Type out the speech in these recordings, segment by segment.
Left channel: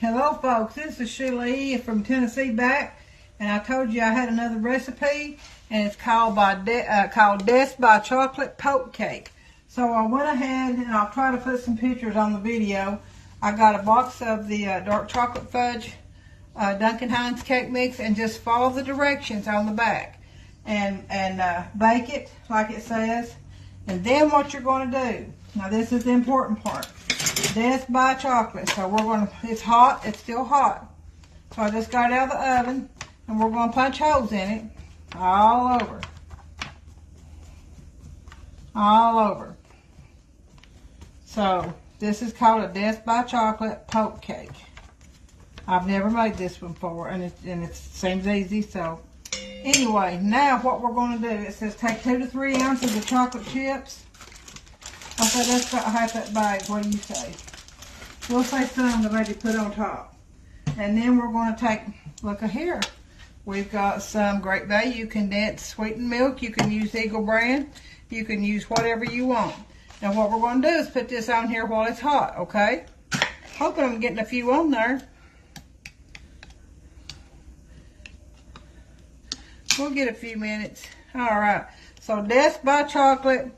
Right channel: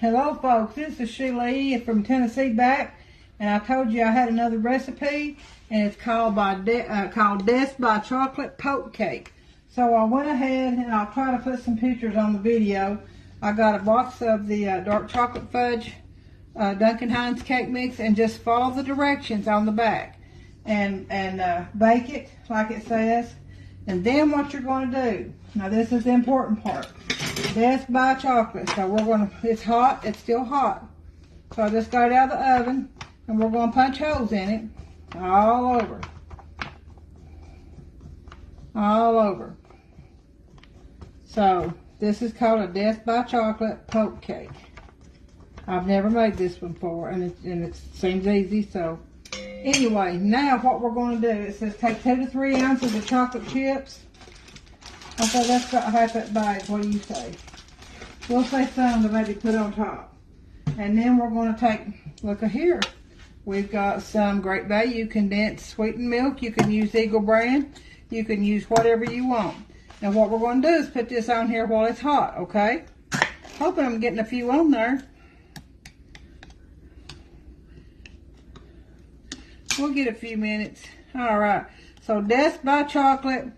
Hello folks, this is Sheila E. from Tennessee back, and I told you I had another recipe, and it's called Death by Chocolate Poke Cake. So I went ahead, and I'll try to put some pictures on the video. I got a box of the dark chocolate fudge Duncan Hines cake mix, and just follow the directions on the back, and bake it like it says. And then what you're going to do, now this is the important part, Death by Chocolate. So we're going to, it's hot, it's still hot. So I just got it out of the oven, and we're going to punch holes in it all over. All over. So this is called a Death by Chocolate Poke Cake. I've never made this one before, and it seems easy. So anyway, now what we're going to do, it says take 2 to 3 ounces of chocolate chips. Okay, that's about half that bag. What do you say? We'll say some to maybe put on top. And then we're going to take, look here, we've got some Great Value condensed sweetened milk. You can use Eagle brand. You can use whatever you want. And what we're going to do is put this on here while it's hot, okay? Hoping I'm getting a few on there. We'll get a few minutes. All right. So Death by Chocolate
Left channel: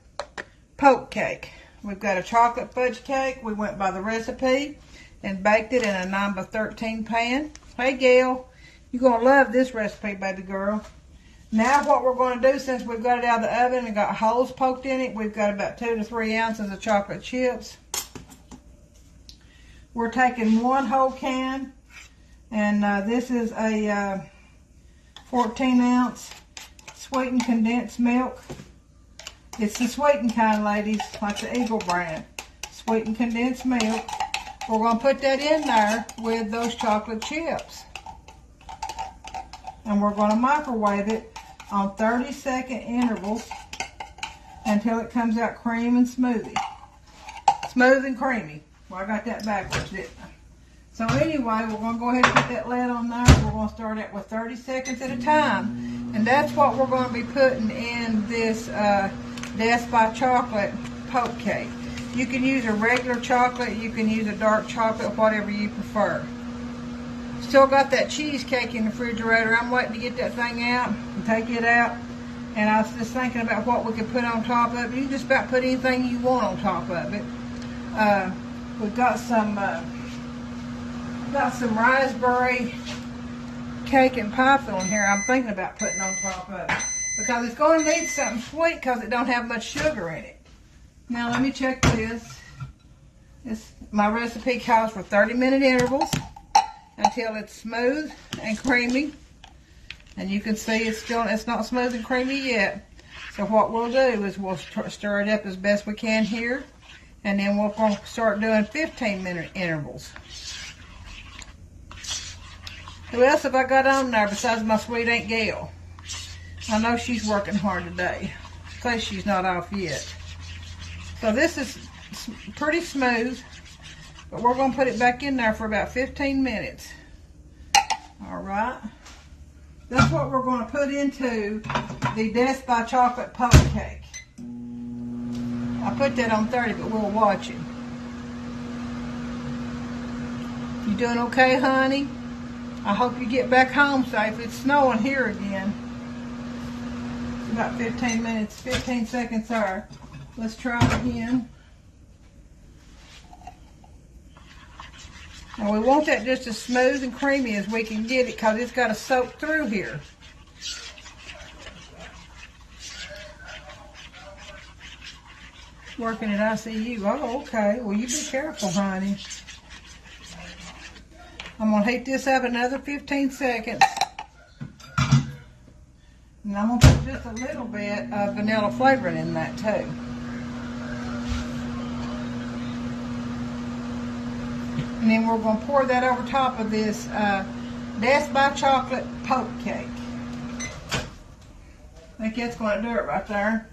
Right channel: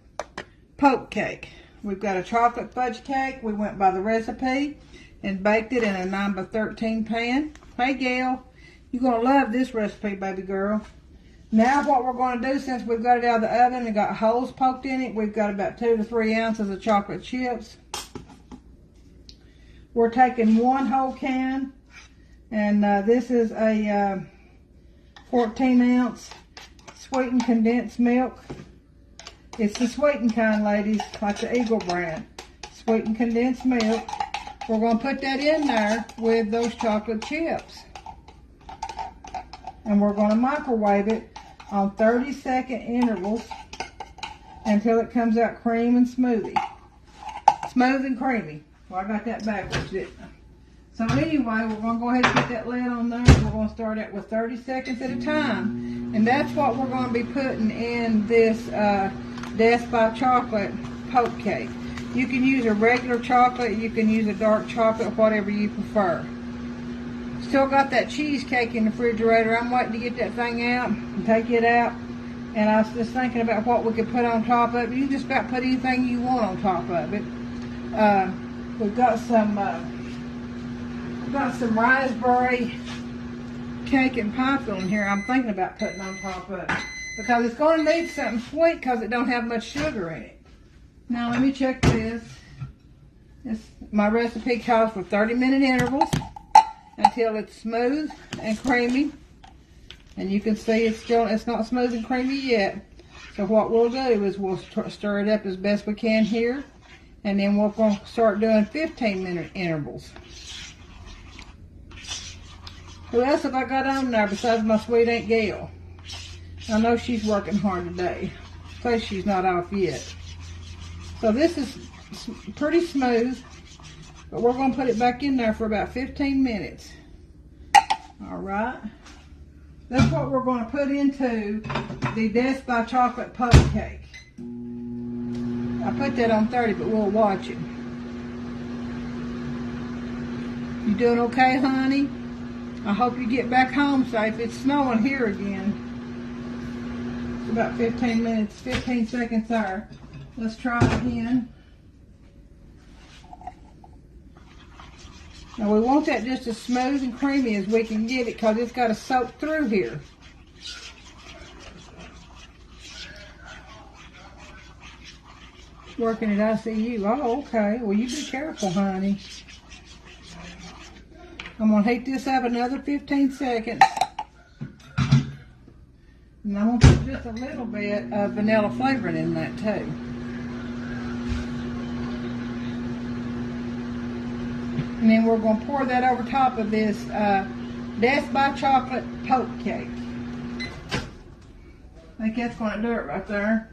Poke Cake. We've got a chocolate fudge cake. We went by the recipe and baked it in a 9x13 pan. Hey, Gail, you're going to love this recipe, baby girl. Now what we're going to do, since we've got it out of the oven and got holes poked in it, we've got about 2 to 3 ounces of chocolate chips. We're taking 1 whole can, and this is a 14-ounce sweetened condensed milk. It's the sweetened kind, ladies, like the Eagle brand. Sweetened condensed milk. We're going to put that in there with those chocolate chips. And we're going to microwave it on 30-second intervals until it comes out cream and smoothie. Smooth and creamy. Well, I got that backwards, didn't I? So anyway, we're going to go ahead and put that lid on there. We're going to start it with 30 seconds at a time. And that's what we're going to be putting in this Death by Chocolate Poke Cake. You can use a regular chocolate, you can use a dark chocolate, whatever you prefer. Still got that cheesecake in the refrigerator. I'm waiting to get that thing out and take it out. And I was just thinking about what we could put on top of it. You just about put anything you want on top of it. We've got some raspberry cake and pie filling here I'm thinking about putting on top of it. Because it's going to need something sweet because it don't have much sugar in it. Now let me check this. My recipe calls for 30-minute intervals until it's smooth and creamy. And you can see it's not smooth and creamy yet. So what we'll do is we'll stir it up as best we can here. And then we'll start doing 15-minute intervals. Who else have I got on there besides my sweet Aunt Gail? I know she's working hard today, because she's not off yet. So this is pretty smooth, but we're going to put it back in there for about 15 minutes. All right. That's what we're going to put into the Death by Chocolate Poke Cake. I put that on 30, but we'll watch it. You doing okay, honey? I hope you get back home safe. It's snowing here again. About 15 minutes, 15 seconds there. Let's try it again. And we want that just as smooth and creamy as we can get it because it's got to soak through here. Working at ICU. Oh, okay. Well, you be careful, honey. I'm going to heat this up another 15 seconds. And I'm going to put just a little bit of vanilla flavoring in that too. And then we're going to pour that over top of this Death by Chocolate Poke Cake. I think that's going to do it right there.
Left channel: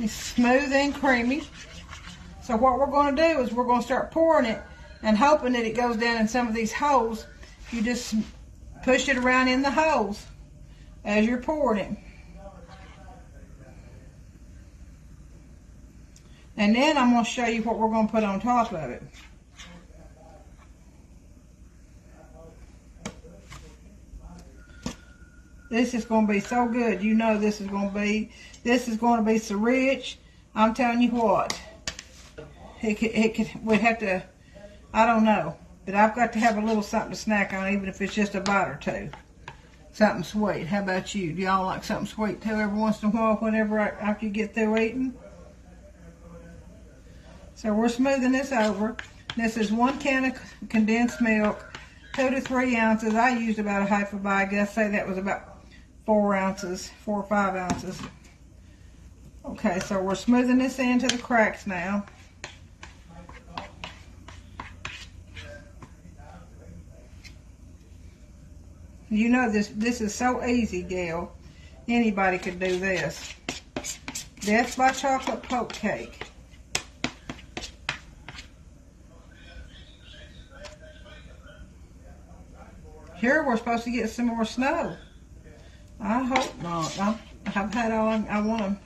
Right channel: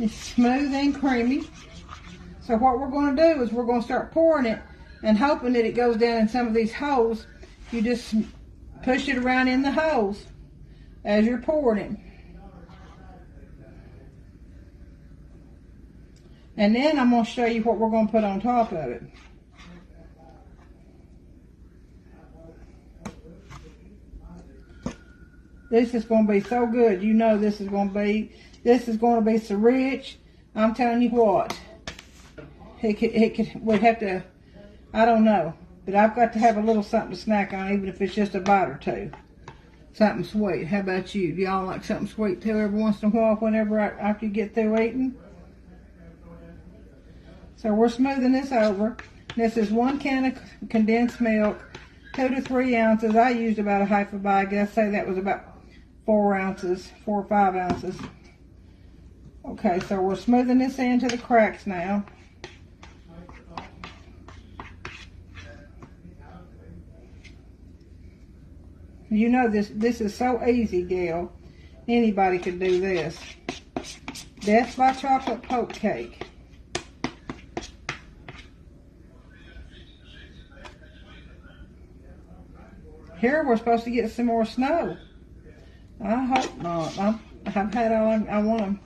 It's smooth and creamy. So what we're going to do is we're going to start pouring it and hoping that it goes down in some of these holes. You just push it around in the holes as you're pouring it. And then I'm going to show you what we're going to put on top of it. This is going to be so good. You know this is going to be so rich. I'm telling you what. We'd have to, I don't know. But I've got to have a little something to snack on, even if it's just a bite or two. Something sweet. How about you? Do y'all like something sweet too every once in a while after you get through eating? So we're smoothing this over. This is 1 can of condensed milk, 2 to 3 ounces. I used about a half a bag. Let's say that was about 4 ounces, 4 or 5 ounces. Okay, so we're smoothing this into the cracks now. You know this is so easy, Gail. Anybody could do this. Death by Chocolate Poke Cake. Here we're supposed to get some more snow. I hope not. I've had all I want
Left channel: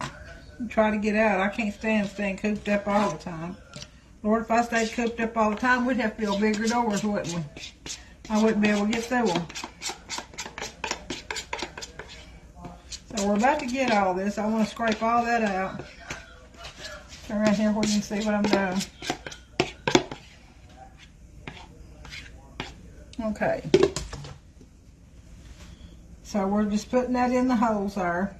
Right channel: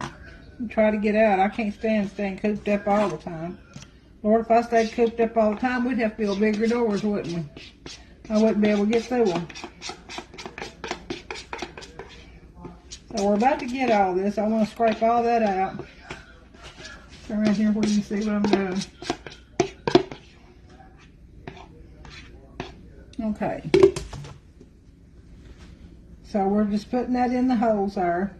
to try to get out. I can't stand staying cooped up all the time. Lord, if I stayed cooped up all the time, we'd have to build bigger doors, wouldn't we? I wouldn't be able to get through them. So we're about to get all this. I want to scrape all that out. So right here where you can see what I'm doing. Okay. So we're just putting that in the holes there.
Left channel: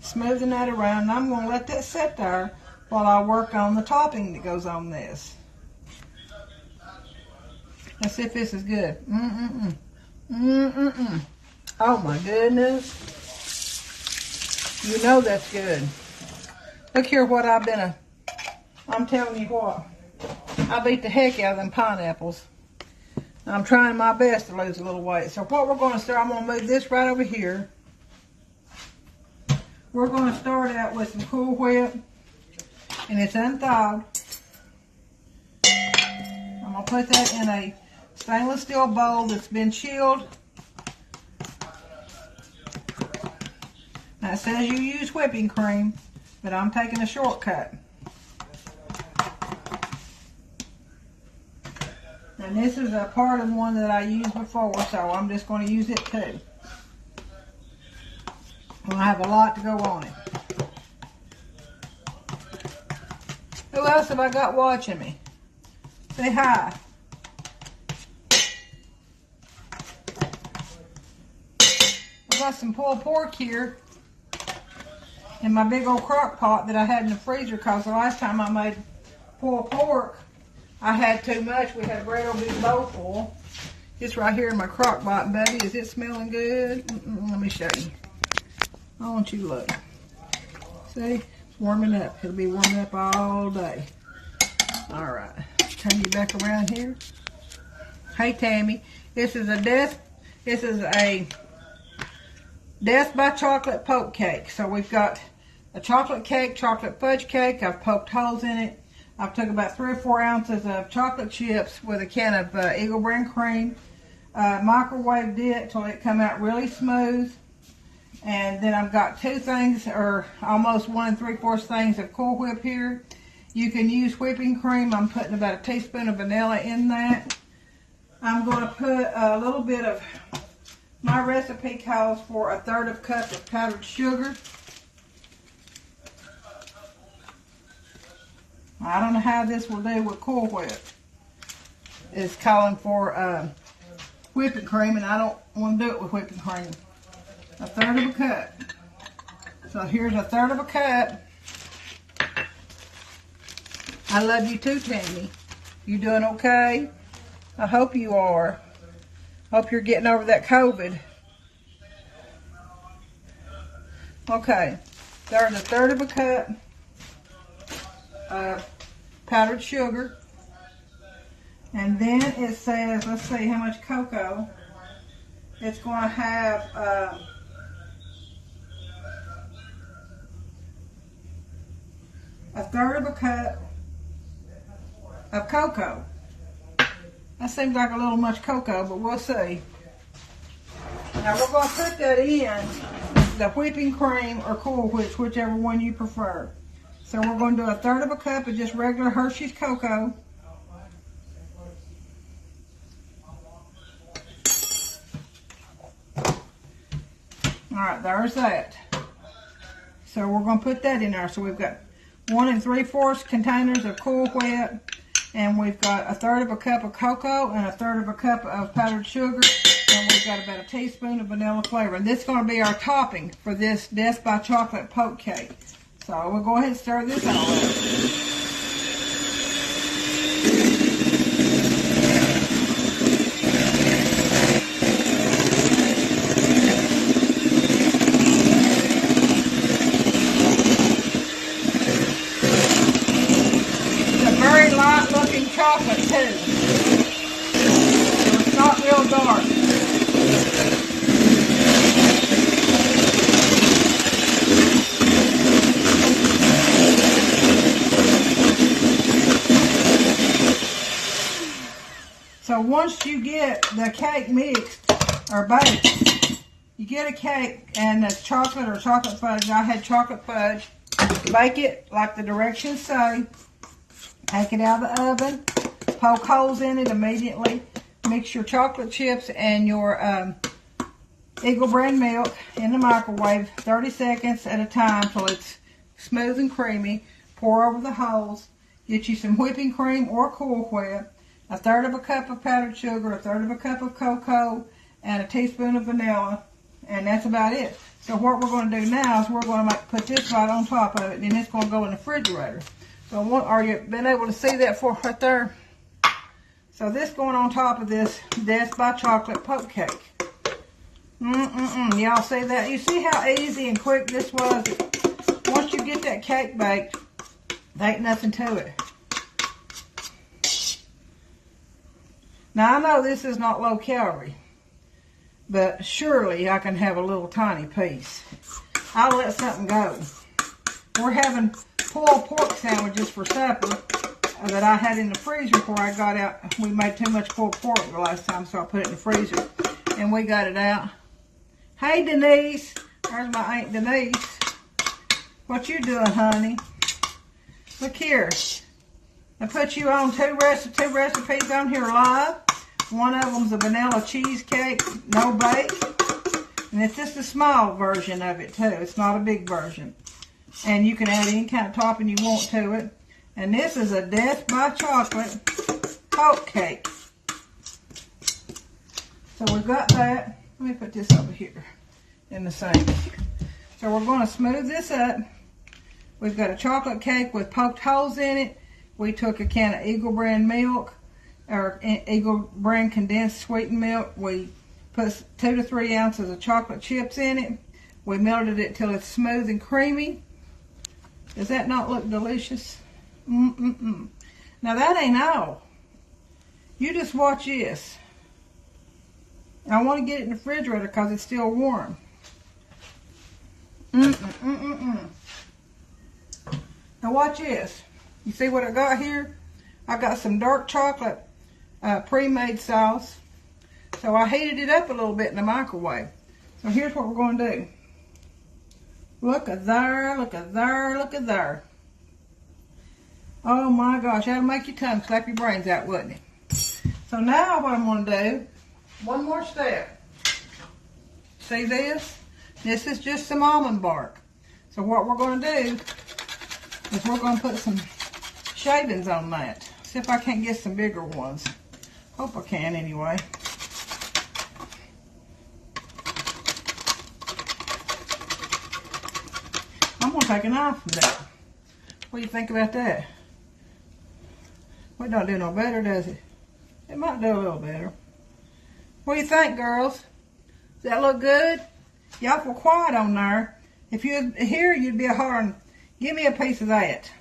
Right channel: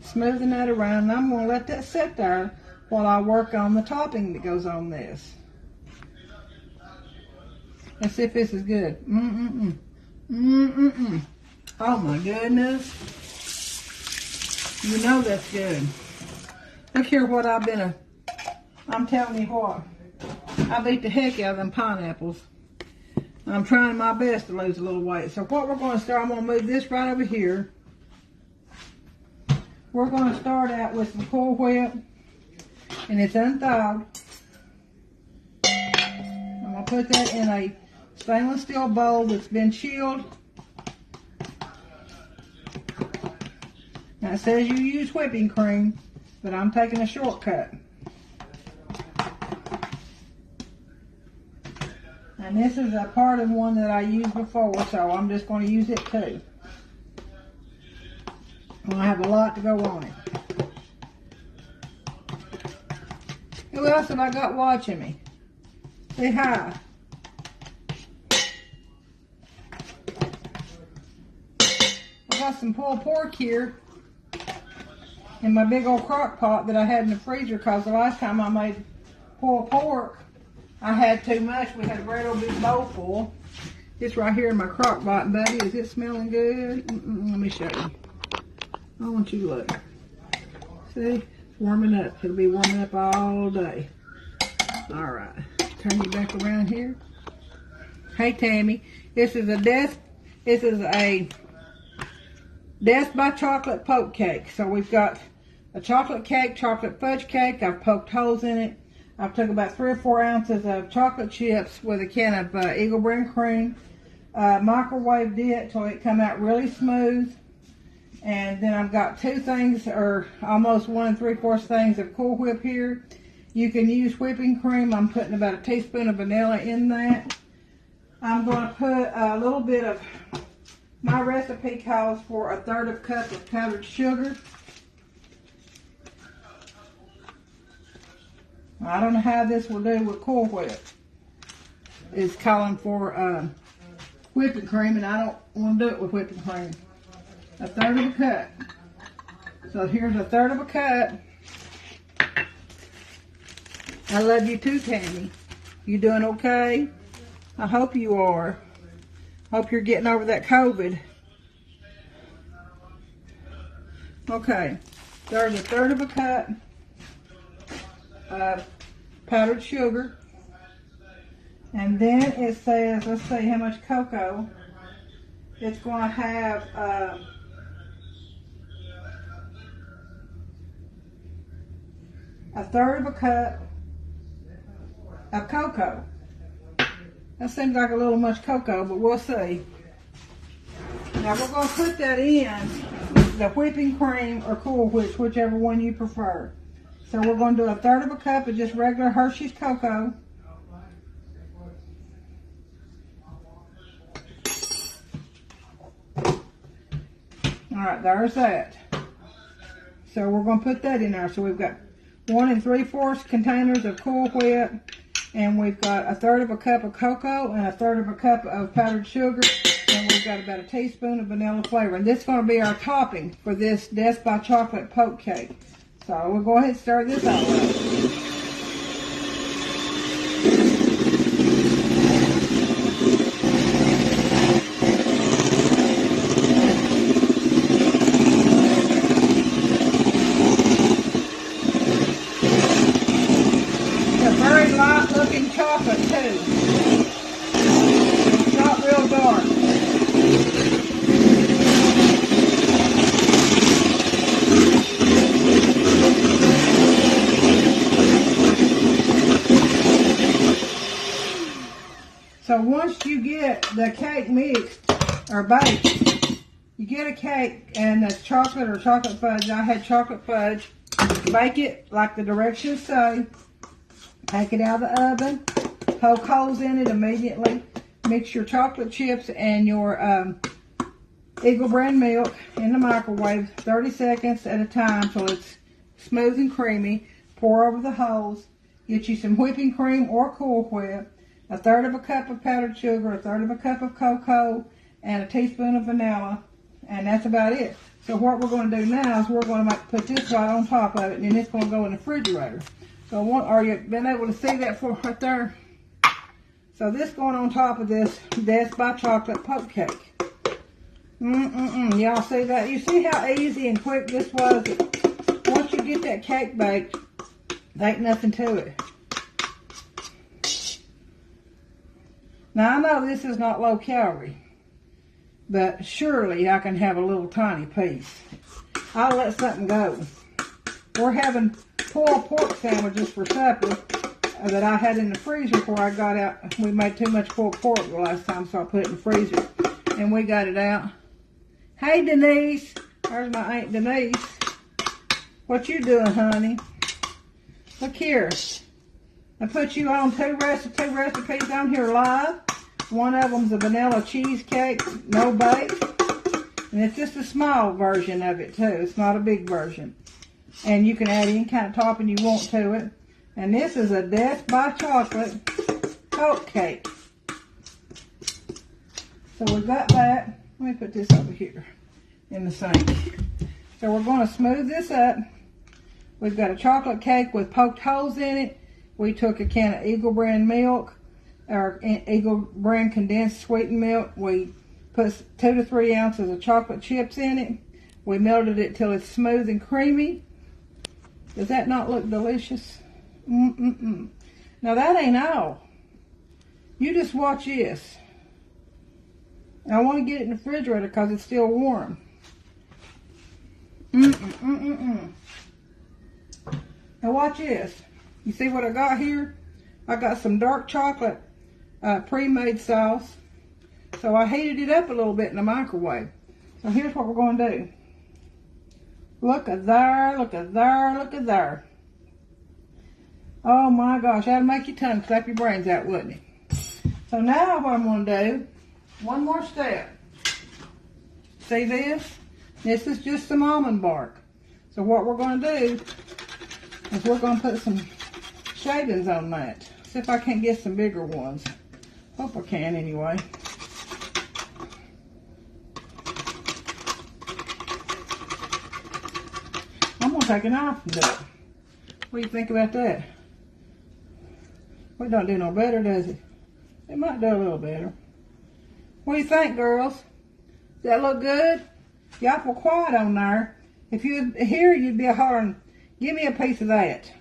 Smoothing that around. And I'm going to let that sit there while I work on the topping that goes on this. Let's see if this is good. Oh my goodness. You know that's good. Look here what I'm telling you what. I beat the heck out of them pineapples. I'm trying my best to lose a little weight. So what we're going to start, I'm going to move this right over here. We're going to start out with some Cool Whip. And it's unthawed. I'm going to put that in a stainless steel bowl that's been chilled. Now it says you use whipping cream, but I'm taking a shortcut. And this is a part of one that I used before, so I'm just going to use it too. I'm going to have a lot to go on it. Who else have I got watching me? Say hi. I got some pulled pork here in my big old crock pot that I had in the freezer because the last time I made pulled pork, I had too much. We had a great old big bowl full. It's right here in my crock pot, buddy. Is it smelling good? Let me show you. I want you to look. See? It's warming up. It'll be warming up all day. All right. Come back around here. Hey, Tammy. This is a Death by Chocolate Poke Cake. So we've got a chocolate cake, chocolate fudge cake. I've poked holes in it. I've took about 3 or 4 ounces of chocolate chips with a can of Eagle Brand cream. Microwaved it till it come out really smooth. And then I've got 2 things, or almost 1 3/4 things of Cool Whip here. You can use whipping cream. I'm putting about a teaspoon of vanilla in that. I'm going to put a little bit of, my recipe calls for 1/3 cup of powdered sugar. I don't know how this will do with Cool Whip. It's calling for whipping cream, and I don't want to do it with whipping cream. 1/3 cup. So here's 1/3 cup. I love you too, Tammy. You doing okay? I hope you are. Hope you're getting over that COVID. Okay. There's 1/3 cup of powdered sugar. And then it says, let's see how much cocoa. It's going to have 1/3 cup of cocoa. That seems like a little much cocoa, but we'll see. Now we're going to put that in the whipping cream or Cool Whips, whichever one you prefer. So we're going to do a third of a cup of just regular Hershey's cocoa. All right, there's that. So we're going to put that in there. So we've got 1 3/4 containers of Cool Whip, and we've got a third of a cup of cocoa and a third of a cup of powdered sugar, and we've got about a teaspoon of vanilla flavor. And this is going to be our topping for this Death by Chocolate Poke Cake. So we'll go ahead and stir this all up. So once you get the cake mixed or baked, you get a cake and it's chocolate or chocolate fudge. I had chocolate fudge. Bake it like the directions say. Take it out of the oven. Poke holes in it immediately. Mix your chocolate chips and your Eagle brand milk in the microwave 30 seconds at a time till it's smooth and creamy. Pour over the holes. Get you some whipping cream or Cool Whip. A third of a cup of powdered sugar, a third of a cup of cocoa, and a teaspoon of vanilla, and that's about it. So what we're going to do now is we're going to put this right on top of it, and then it's going to go in the refrigerator. So are you been able to see that for right there? So this going on top of this Death by Chocolate Poke Cake. Y'all see that? You see how easy and quick this was? Once you get that cake baked, there ain't nothing to it. Now, I know this is not low calorie, but surely I can have a little tiny piece. I'll let something go. We're having pulled pork sandwiches for supper that I had in the freezer before I got out. We made too much pulled pork the last time, so I put it in the freezer, and we got it out. Hey, Denise. There's my Aunt Denise. What you doing, honey? Look here. I put you on two recipes on here live. One of them's a vanilla cheesecake, no bake. And it's just a small version of it too. It's not a big version. And you can add any kind of topping you want to it. And this is a Death by Chocolate Poke Cake. So we've got that. Let me put this over here in the sink. So we're going to smooth this up. We've got a chocolate cake with poked holes in it. We took a can of Eagle brand milk, or Eagle brand condensed sweetened milk. We put 2 to 3 ounces of chocolate chips in it. We melted it till it's smooth and creamy. Does that not look delicious? Now that ain't all. You just watch this. I want to get it in the refrigerator because it's still warm. Now watch this. You see what I got here? I got some dark chocolate pre-made sauce. So I heated it up a little bit in the microwave. So here's what we're going to do. Look at there, look at there, look at there. Oh my gosh, that'll make your tongue slap your brains out, wouldn't it? So now what I'm going to do, one more step. See this? This is just some almond bark. So what we're going to do is we're going to put some shavings on that. See if I can't get some bigger ones. Hope I can anyway. I'm going to take a knife from that. What do you think about that? Well, it don't do no better, does it? It might do a little better. What do you think, girls? Does that look good? Y'all were quiet on there. If you're here, you'd be hollering, give me a piece of that.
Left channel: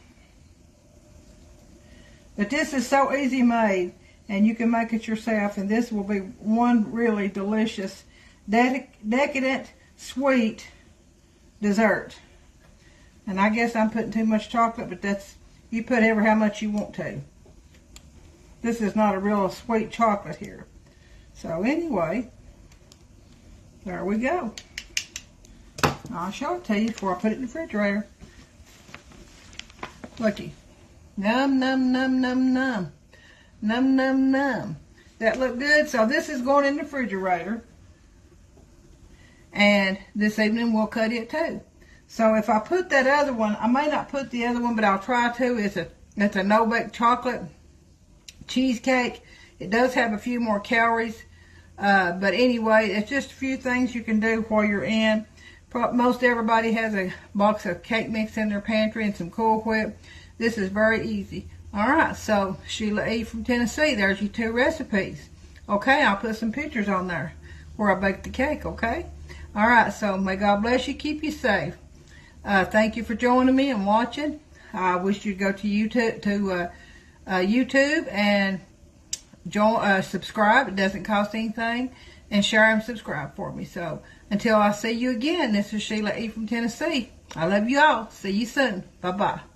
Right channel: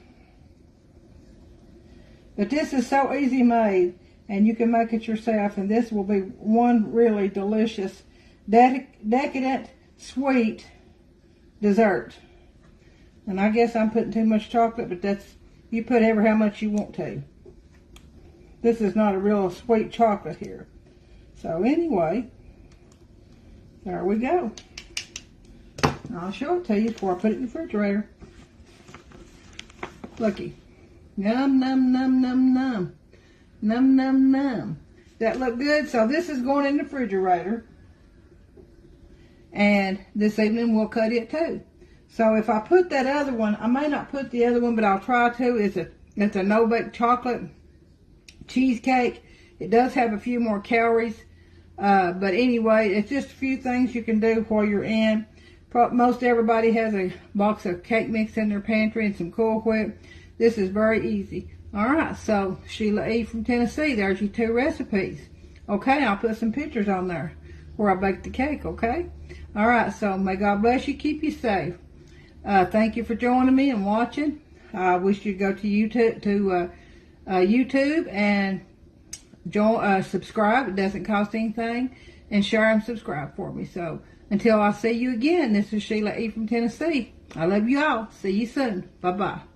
But this is so easy made, and you can make it yourself, and this will be one really delicious, decadent, sweet dessert. And I guess I'm putting too much chocolate, but that's, you put ever how much you want to. This is not a real sweet chocolate here. So anyway, there we go. I'll show it to you before I put it in the refrigerator. Looky. Num, num, num, num, num. Num, num, num. That look good? So this is going in the refrigerator. And this evening we'll cut it too. So if I put that other one, I may not put the other one, but I'll try to. It's a no-bake chocolate cheesecake. It does have a few more calories. But anyway, it's just a few things you can do while you're in. Most everybody has a box of cake mix in their pantry and some Cool Whip. This is very easy. Alright, so Sheila E. from Tennessee, there's your 2 recipes. Okay, I'll put some pictures on there where I baked the cake, okay? Alright, so may God bless you, keep you safe. Thank you for joining me and watching. I wish you'd go to YouTube, and subscribe. It doesn't cost anything. And share and subscribe for me. So until I see you again, this is Sheila E. from Tennessee. I love you all. See you soon. Bye-bye.